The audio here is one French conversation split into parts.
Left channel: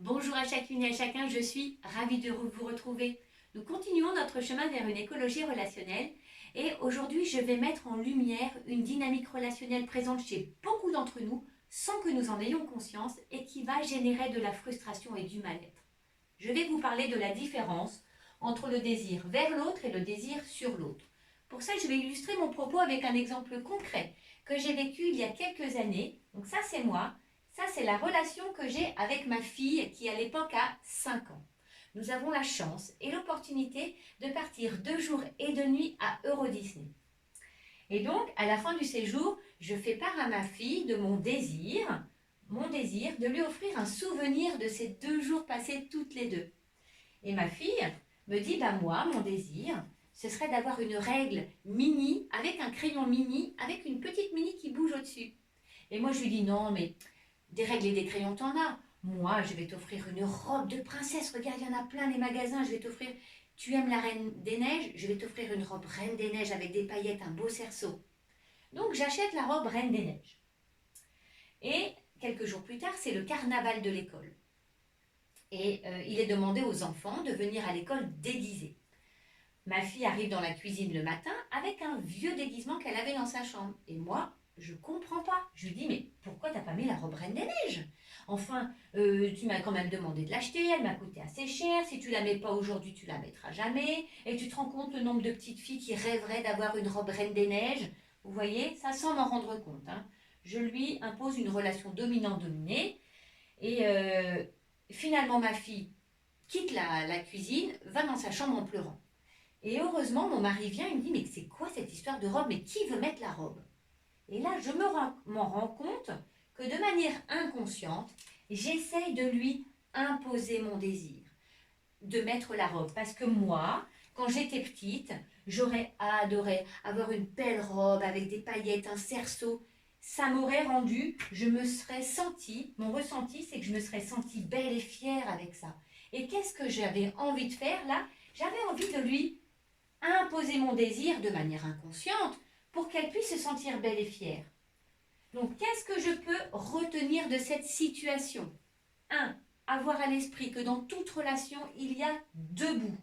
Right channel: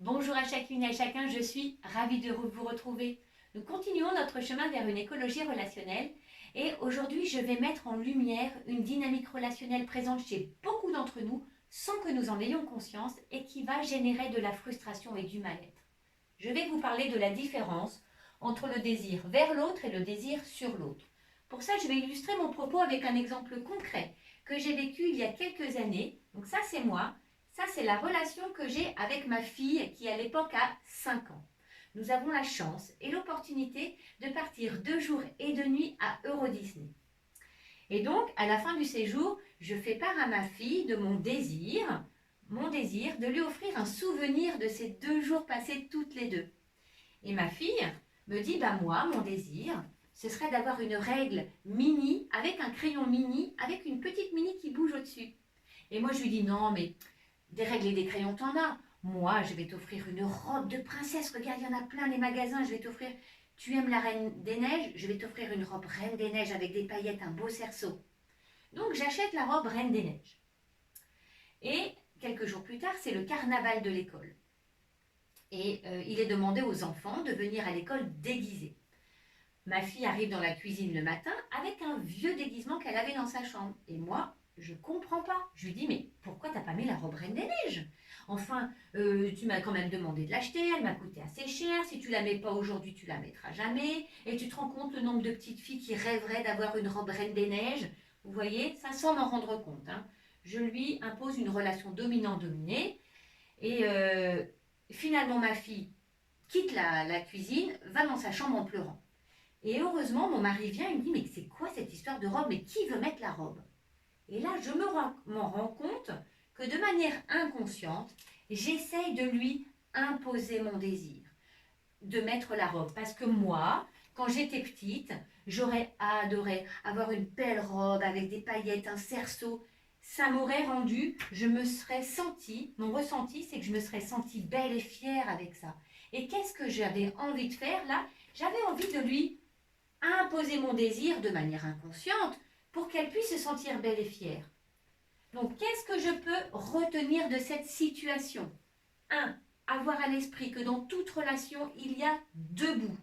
Bonjour à chacune et à chacun, je suis ravie de vous retrouver. Nous continuons notre chemin vers une écologie relationnelle et aujourd'hui je vais mettre en lumière une dynamique relationnelle présente chez beaucoup d'entre nous sans que nous en ayons conscience et qui va générer de la frustration et du mal-être. Je vais vous parler de la différence entre le désir vers l'autre et le désir sur l'autre. Pour ça, je vais illustrer mon propos avec un exemple concret que j'ai vécu il y a quelques années. Donc ça, c'est moi. Ça, c'est la relation que j'ai avec ma fille qui, à l'époque, a 5 ans. Nous avons la chance et l'opportunité de partir 2 jours et 2 nuits à Euro Disney. Et donc, à la fin du séjour, je fais part à ma fille de mon désir de lui offrir un souvenir de ces 2 jours passés toutes les deux. Et ma fille me dit, moi, mon désir, ce serait d'avoir une règle mini, avec un crayon mini, avec une petite mini qui bouge au-dessus. Et moi, je lui dis, non, mais des règles et des crayons, t'en as. Moi, je vais t'offrir une robe de princesse. Regarde, il y en a plein les magasins. Je vais t'offrir. Tu aimes la Reine des Neiges? Je vais t'offrir une robe Reine des Neiges avec des paillettes, un beau cerceau. Donc, j'achète la robe Reine des Neiges. Et quelques jours plus tard, c'est le carnaval de l'école. Et il est demandé aux enfants de venir à l'école déguisés. Ma fille arrive dans la cuisine le matin avec un vieux déguisement qu'elle avait dans sa chambre. Et moi, je comprends pas. Je lui dis, mais pourquoi t'as pas mis la robe Reine des Neiges? Enfin, tu m'as quand même demandé de l'acheter, elle m'a coûté assez cher. Si tu la mets pas aujourd'hui, tu la mettras jamais. Et tu te rends compte le nombre de petites filles qui rêveraient d'avoir une robe Reine des Neiges? Vous voyez, ça sans m'en rendre compte. Je lui impose une relation dominant-dominée. Et finalement, ma fille quitte la cuisine, va dans sa chambre en pleurant. Et heureusement, mon mari vient et me dit, mais c'est quoi cette histoire de robe? Mais qui veut mettre la robe? Et là, je m'en rends compte que de manière inconsciente, j'essaye de lui imposer mon désir de mettre la robe. Parce que moi, quand j'étais petite, j'aurais adoré avoir une belle robe avec des paillettes, un cerceau. Ça m'aurait rendu, je me serais sentie, mon ressenti, c'est que je me serais sentie belle et fière avec ça. Et qu'est-ce que j'avais envie de faire là? J'avais envie de lui imposer mon désir de manière inconsciente pour qu'elle puisse se sentir belle et fière. Donc, qu'est-ce que je peux retenir de cette situation? 1. Avoir à l'esprit que dans toute relation, il y a 2 bouts.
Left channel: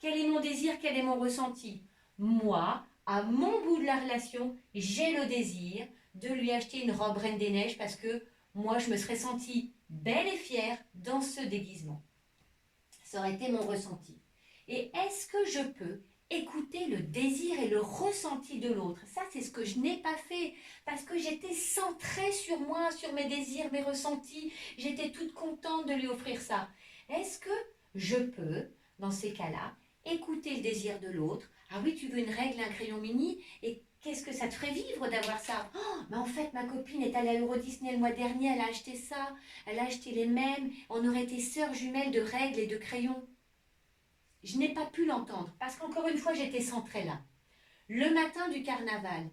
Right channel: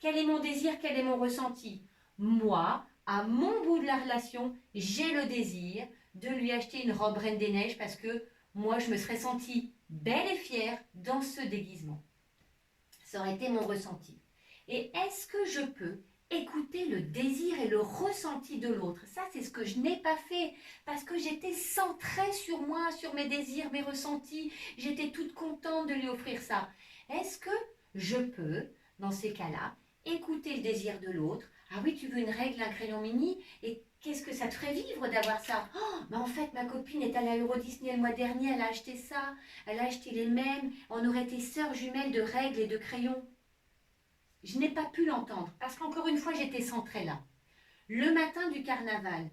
Quel est mon désir? Quel est mon ressenti? Moi, à mon bout de la relation, j'ai le désir de lui acheter une robe Reine des Neiges parce que moi, je me serais sentie belle et fière dans ce déguisement. Ça aurait été mon ressenti. Et est-ce que je peux écouter le désir et le ressenti de l'autre? Ça, c'est ce que je n'ai pas fait parce que j'étais centrée sur moi, sur mes désirs, mes ressentis. J'étais toute contente de lui offrir ça. Est-ce que je peux, dans ces cas-là, écouter le désir de l'autre? Ah oui, tu veux une règle, un crayon mini? Et qu'est-ce que ça te ferait vivre d'avoir ça? Oh, mais en fait, ma copine est allée à Euro Disney le mois dernier, elle a acheté ça, elle a acheté les mêmes, on aurait été sœurs jumelles de règles et de crayons. Je n'ai pas pu l'entendre parce qu'encore une fois, j'étais centrée là. Le matin du carnaval,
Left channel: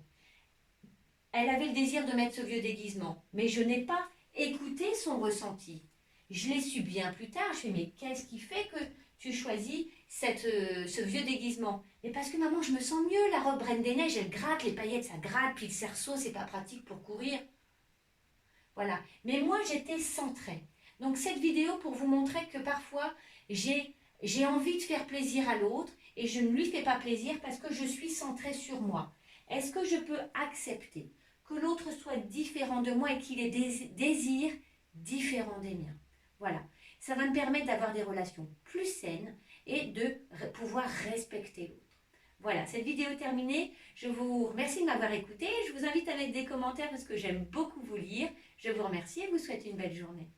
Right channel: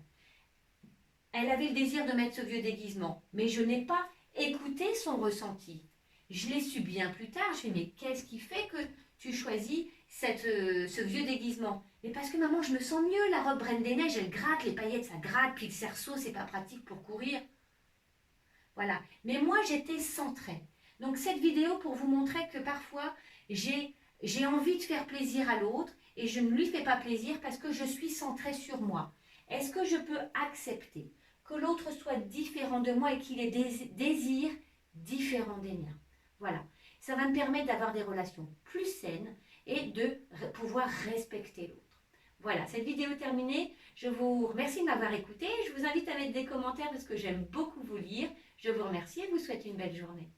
elle avait le désir de mettre ce vieux déguisement, mais je n'ai pas écouté son ressenti. Je l'ai su bien plus tard. Je lui ai dit, mais qu'est-ce qui fait que tu choisis ce vieux déguisement? Mais parce que maman, je me sens mieux, la robe Reine des Neiges, elle gratte, les paillettes, ça gratte, puis le cerceau, c'est pas pratique pour courir. Voilà. Mais moi, j'étais centrée. Donc cette vidéo pour vous montrer que parfois, j'ai envie de faire plaisir à l'autre et je ne lui fais pas plaisir parce que je suis centrée sur moi. Est-ce que je peux accepter que l'autre soit différent de moi et qu'il ait des désirs différents des miens? Voilà. Ça va me permettre d'avoir des relations plus saines et de pouvoir respecter l'autre. Voilà, cette vidéo est terminée. Je vous remercie de m'avoir écouté. Je vous invite à mettre des commentaires parce que j'aime beaucoup vous lire. Je vous remercie et vous souhaite une belle journée.